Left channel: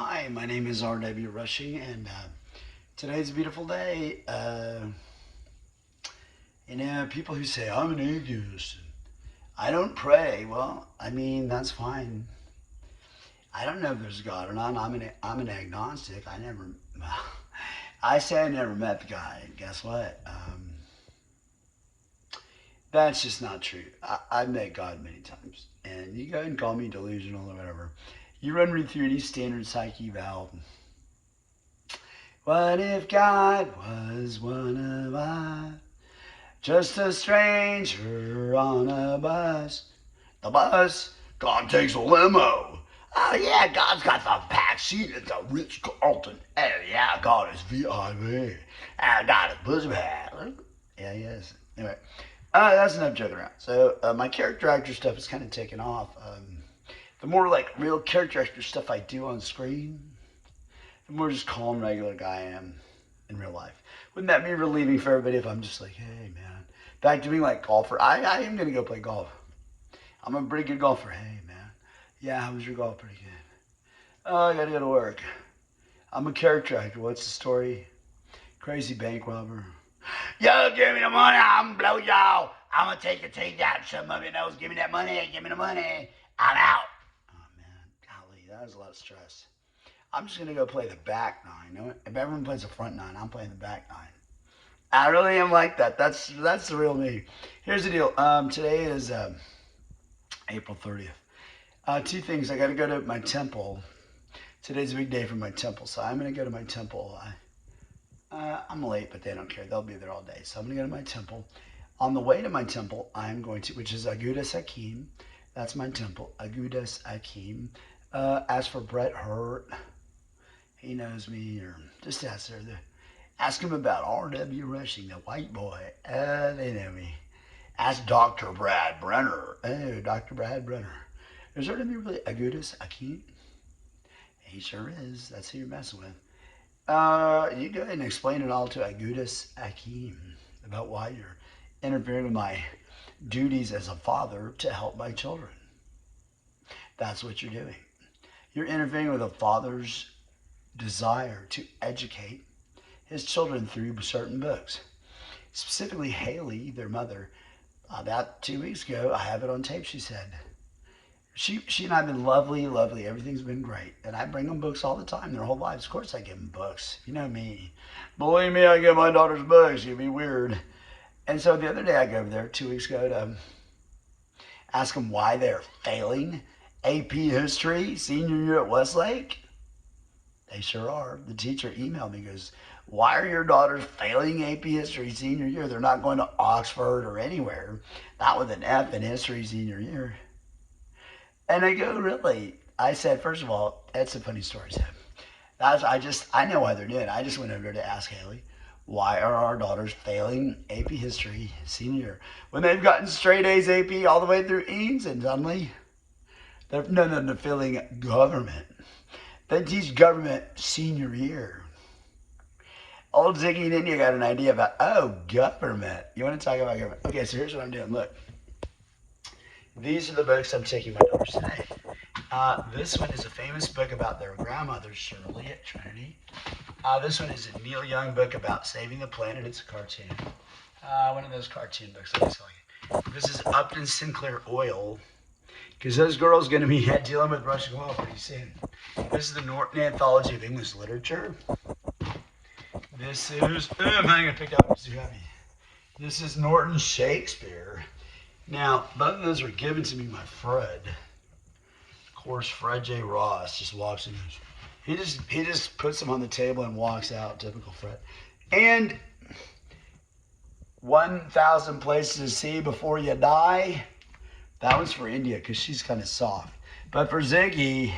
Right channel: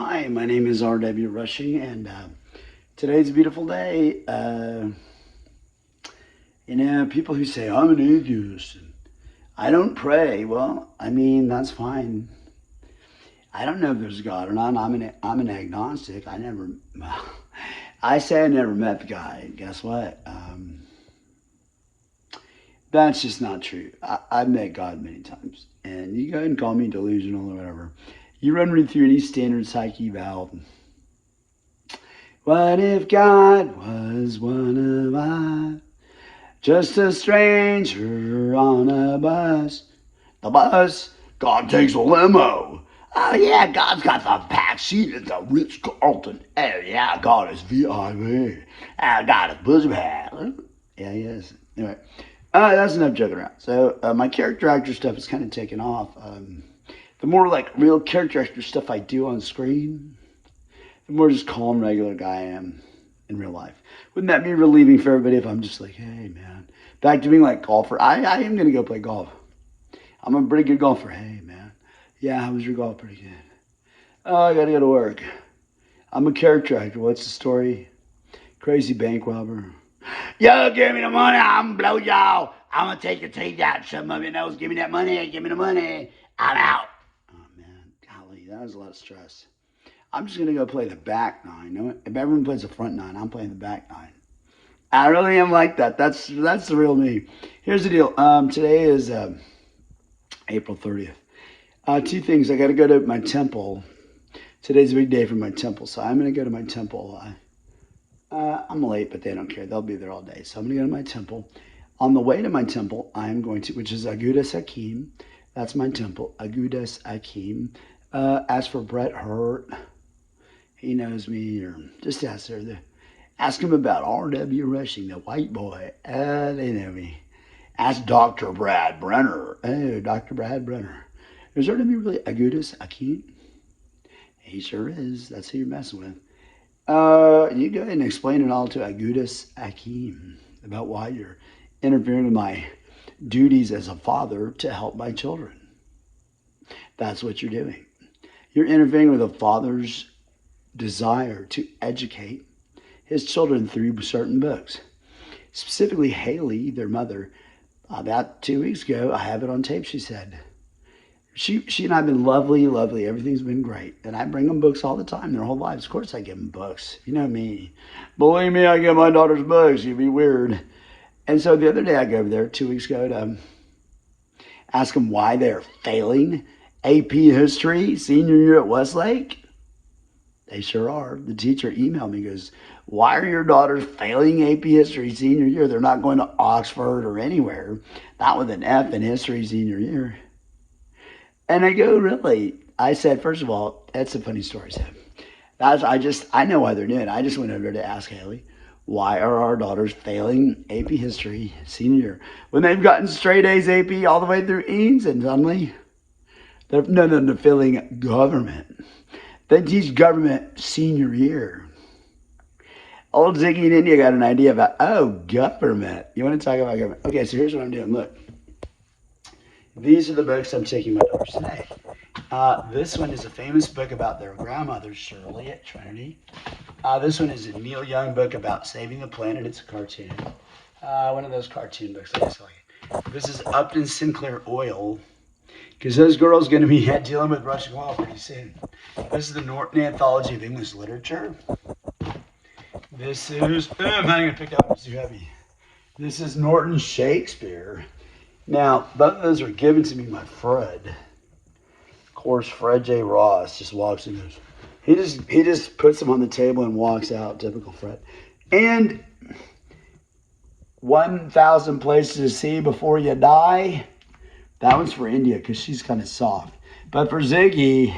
Hi, my name is R.W. Rushing, and today's a beautiful day. People who say, I'm an atheist, and I don't pray. Well, I mean, that's fine. I don't know if there's God or not. I'm an agnostic. I say I never met the guy. Guess what? That's just not true. I've met God many times. And you go ahead and call me delusional or whatever. You run me through any standard psyche valve. What if God was one of us? Just a stranger on a bus. The bus, God takes a limo. Oh yeah, God's got the back seat at the Ritz-Carlton. Oh yeah, God is VIP. God is pussy bag. Yeah, he is. Anyway, that's enough joking around. So my character actor stuff is kind of taken off. The more like real character actor stuff I do on screen, the more just calm, regular guy I am in real life. Wouldn't that be relieving for everybody if I'm just like, hey man, back to being like golfer. I am gonna go play golf. I'm a pretty good golfer. Hey man, yeah, how was your golf? Pretty good. Oh, I gotta go to work. I'm a character actor. What's the story? Crazy bank robber. Yo, give me the money. I'm gonna blow y'all. I'm gonna take your teeth out. Some of your nose. Give me that money. Give me the money. I'm out. That was a lot of stress. I'm just going to go play the back nine. If everyone plays the front nine, I'm playing the back nine. I really am like that. That's the real me. Here's the deal. Today is April 30th. Two things. I got to go to my temple. Today's a big day for my temple, so I'm going to go to my temple. I'm late, but they don't care. They'll be there all day. So I'm going to go to my temple. On the way to my temple, I'm going to, which is Agudas Hakim. That's my temple, Agudas Hakim. Ask for Brett Hurt. He knows me. Or just ask her. Ask him about R.W. Rushing, the white boy. They know me. Ask Dr. Brad Brenner. Oh, Dr. Brad Brenner. Is there to be really Agudas Hakim? He sure is. That's who you're messing with. You go ahead and explain it all to Agudas Hakim about why you're interfering with my duties as a father to help my children. That's what you're doing. You're interfering with a father's desire to educate his children through certain books. Specifically, Haley, their mother, about 2 weeks ago, I have it on tape, she said, she and I have been lovely. Everything's been great. And I bring them books all the time, their whole lives. Of course I give them books. You know me. Believe me, I give my daughters books. You'd be weird. And so the other day I go over there 2 weeks ago to ask them why they're failing AP History senior year at Westlake. They sure are. The teacher emailed me, goes, why are your daughters failing AP History senior year? They're not going to Oxford or anywhere. Not with an F in history senior year. And I go, really? I said, first of all, that's a funny story, Sam. I know why they're doing it. I just went over there to ask Haley, why are our daughters failing AP History senior year? When they've gotten straight A's AP all the way through E's, and suddenly they're failing government. They teach government senior year. Old Ziggy in India got an idea about, government. You want to talk about government? Okay, so here's what I'm doing. Look, these are the books I'm taking my daughters today. This one is a famous book about their grandmother, Shirley, at Trinity. This one is a Neil Young book about saving the planet. It's a cartoon. One of those cartoon books. This is Upton Sinclair OIL. Because those girls going to be dealing with Russian oil pretty soon. This is the Norton Anthology of English Literature. This is, I'm going to pick up, it's too heavy. This is Norton Shakespeare. Now, both of those were given to me by Fred. Of course, Fred J. Ross just walks and goes, he just puts them on the table and walks out, typical Fred. And 1,000 Places to See Before You Die. That one's for India because she's kind of soft. But for Ziggy,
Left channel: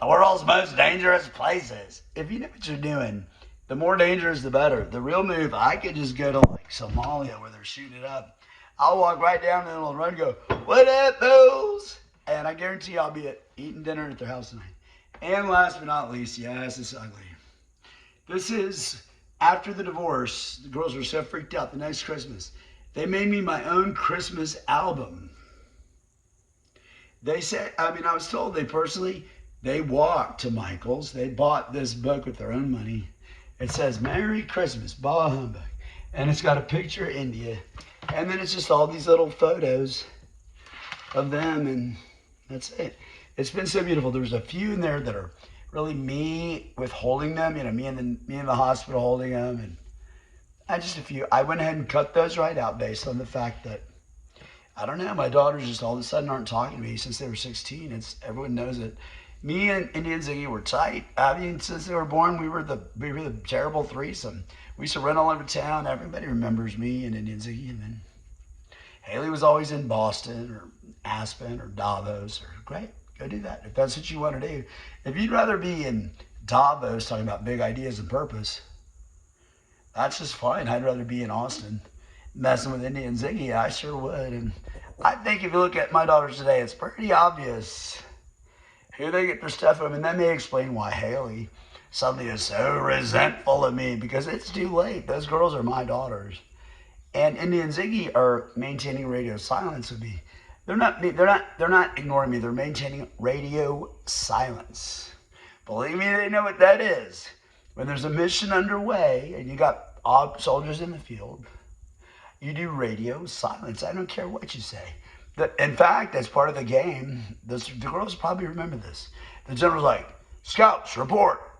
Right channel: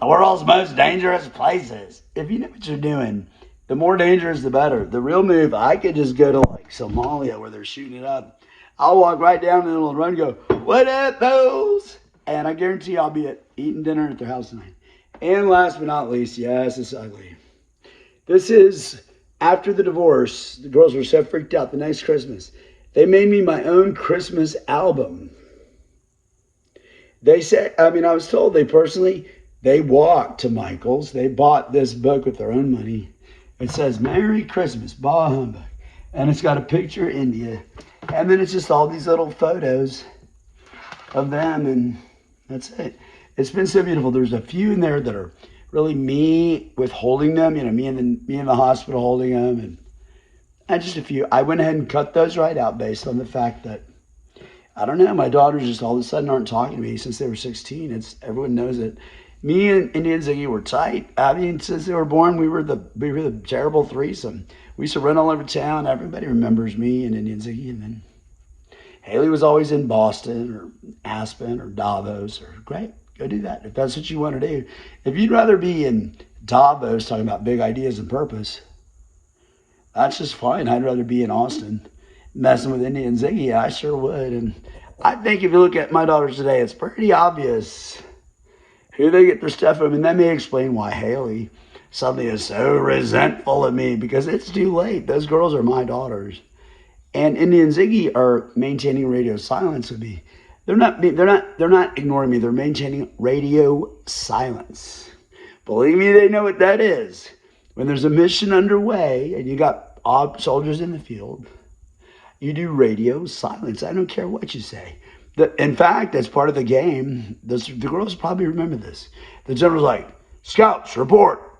the world's most dangerous places. If you know what you're doing, the more dangerous, the better. The real move, I could just go to like Somalia where they're shooting it up. I'll walk right down the middle of the run and go, what up, those? And I guarantee I'll be eating dinner at their house tonight. And last but not least, yes, it's ugly. This is after the divorce. The girls were so freaked out the next Christmas. They made me my own Christmas album. They said, I was told they personally They walked to Michael's. They bought this book with their own money. It says, Merry Christmas, bah humbug. And it's got a picture of India. And then it's just all these little photos of them, and that's it. It's been so beautiful. There's a few in there that are really me with holding them, you know, me in the hospital holding them, and just a few. I went ahead and cut those right out based on the fact that, I don't know, my daughters just all of a sudden aren't talking to me since they were 16. Everyone knows it. Me and Ziggy were tight. I mean, since they were born, we were the terrible threesome. We used to run all over town. Everybody remembers me and Indian Ziggy. And then Haley was always in Boston or Aspen or Davos. Or great, go do that if that's what you want to do. If you'd rather be in Davos talking about big ideas and purpose, that's just fine. I'd rather be in Austin messing with Indian Ziggy. I sure would. And I think if you look at my daughters today, it's pretty obvious who they get their stuff from. And let me explain why Haley suddenly is so resentful of me, because it's too late. Those girls are my daughters. And Indy and Ziggy are maintaining radio silence with me. They're not ignoring me. They're maintaining radio silence. Believe me, they know what that is. When there's a mission underway and you got soldiers in the field, you do radio silence. I don't care what you say. In fact, as part of the game, the girls probably remember this. The general's like, Scouts, report.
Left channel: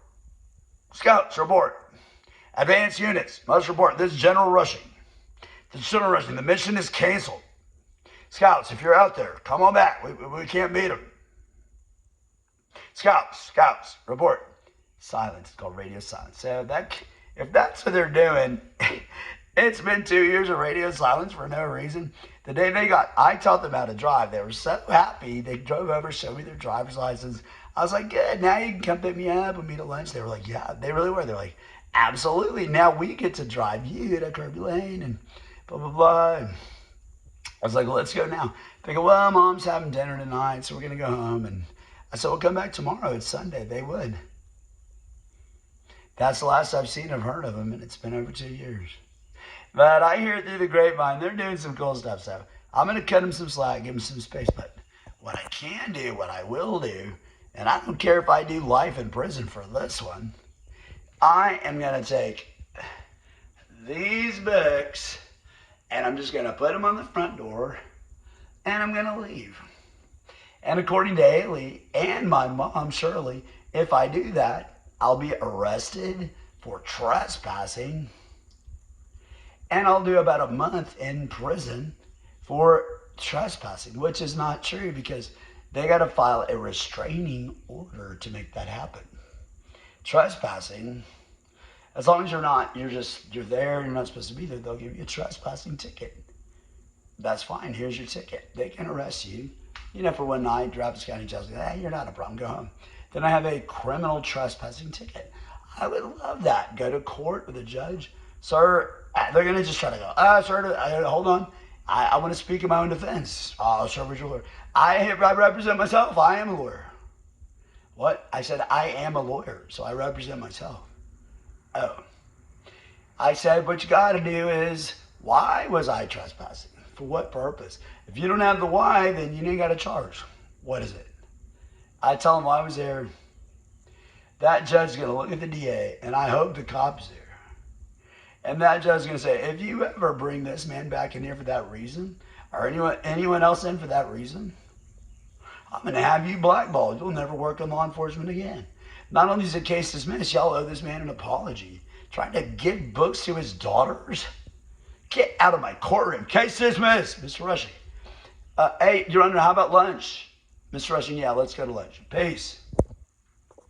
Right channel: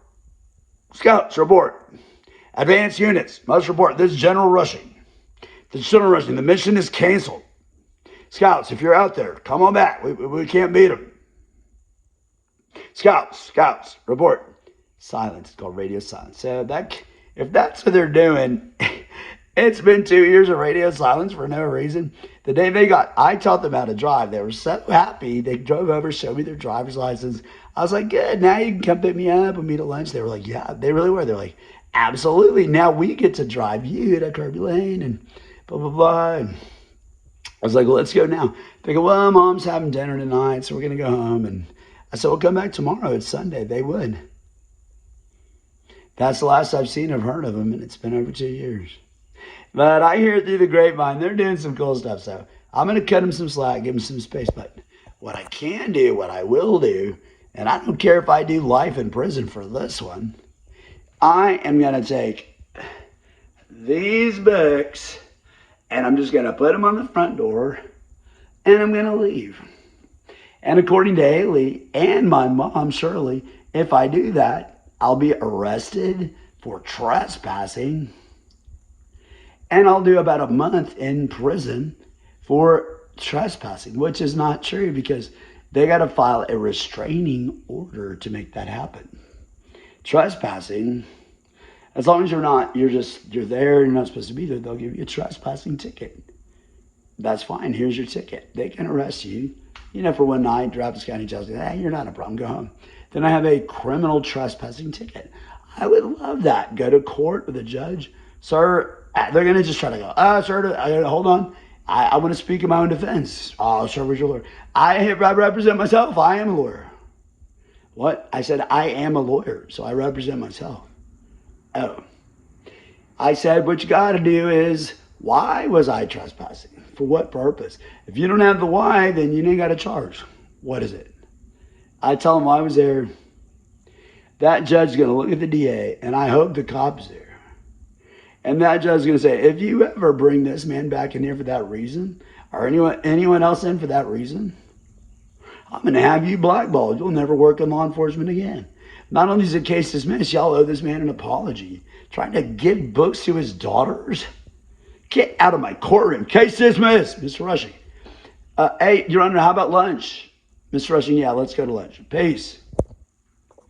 Scouts, report. Advanced units must report. This is General Rushing. This is General Rushing. The mission is canceled. Scouts, if you're out there, come on back. We can't beat them. Scouts, report. Silence. It's called radio silence. So if that's what they're doing, it's been 2 years of radio silence for no reason. The day I taught them how to drive. They were so happy. They drove over, showed me their driver's license. I was like, good, now you can come pick me up and meet at lunch. They were like, yeah, they really were. They're like, absolutely. Now we get to drive you to Kirby Lane and blah, blah, blah. And I was like, well, let's go now. They go, well, Mom's having dinner tonight, so we're going to go home. And I said, we'll come back tomorrow. It's Sunday. They would. That's the last I've seen or heard of them, and it's been over 2 years. But I hear through the grapevine, they're doing some cool stuff. So I'm going to cut them some slack, give them some space. But what I can do, what I will do, and I don't care if I do life in prison for this one, I am going to take these books and I'm just going to put them on the front door and I'm going to leave. And according to Haley and my mom, Shirley, if I do that, I'll be arrested for trespassing. And I'll do about a month in prison for trespassing, which is not true because they got to file a restraining order to make that happen. Trespassing, as long as you're there, you're not supposed to be there, they'll give you a trespassing ticket. That's fine, here's your ticket. They can arrest you, for one night, Travis County Judge, hey, you're not a problem, go home. Then I have a criminal trespassing ticket. I would love that. Go to court with a judge. Sir, they're going to just try to go, sir, hold on. I want to speak in my own defense. Oh, sir, where's your lawyer? I represent myself. I am a lawyer. What? I said, I am a lawyer, so I represent myself. Oh. I said, what you got to do is, why was I trespassing? For what purpose? If you don't have the why, then you ain't got to charge. What is it? I tell them why I was there. That judge is going to look at the DA, and I hope the cop's there. And that judge is going to say, if you ever bring this man back in here for that reason, or anyone else in for that reason, I'm going to have you blackballed. You'll never work in law enforcement again. Not only is the case dismissed, y'all owe this man an apology. Trying to give books to his daughters? Get out of my courtroom. Case dismissed, Mr. Rushing. Hey, Your Honor, how about lunch? Mr. Rushing, yeah, let's go to lunch. Peace.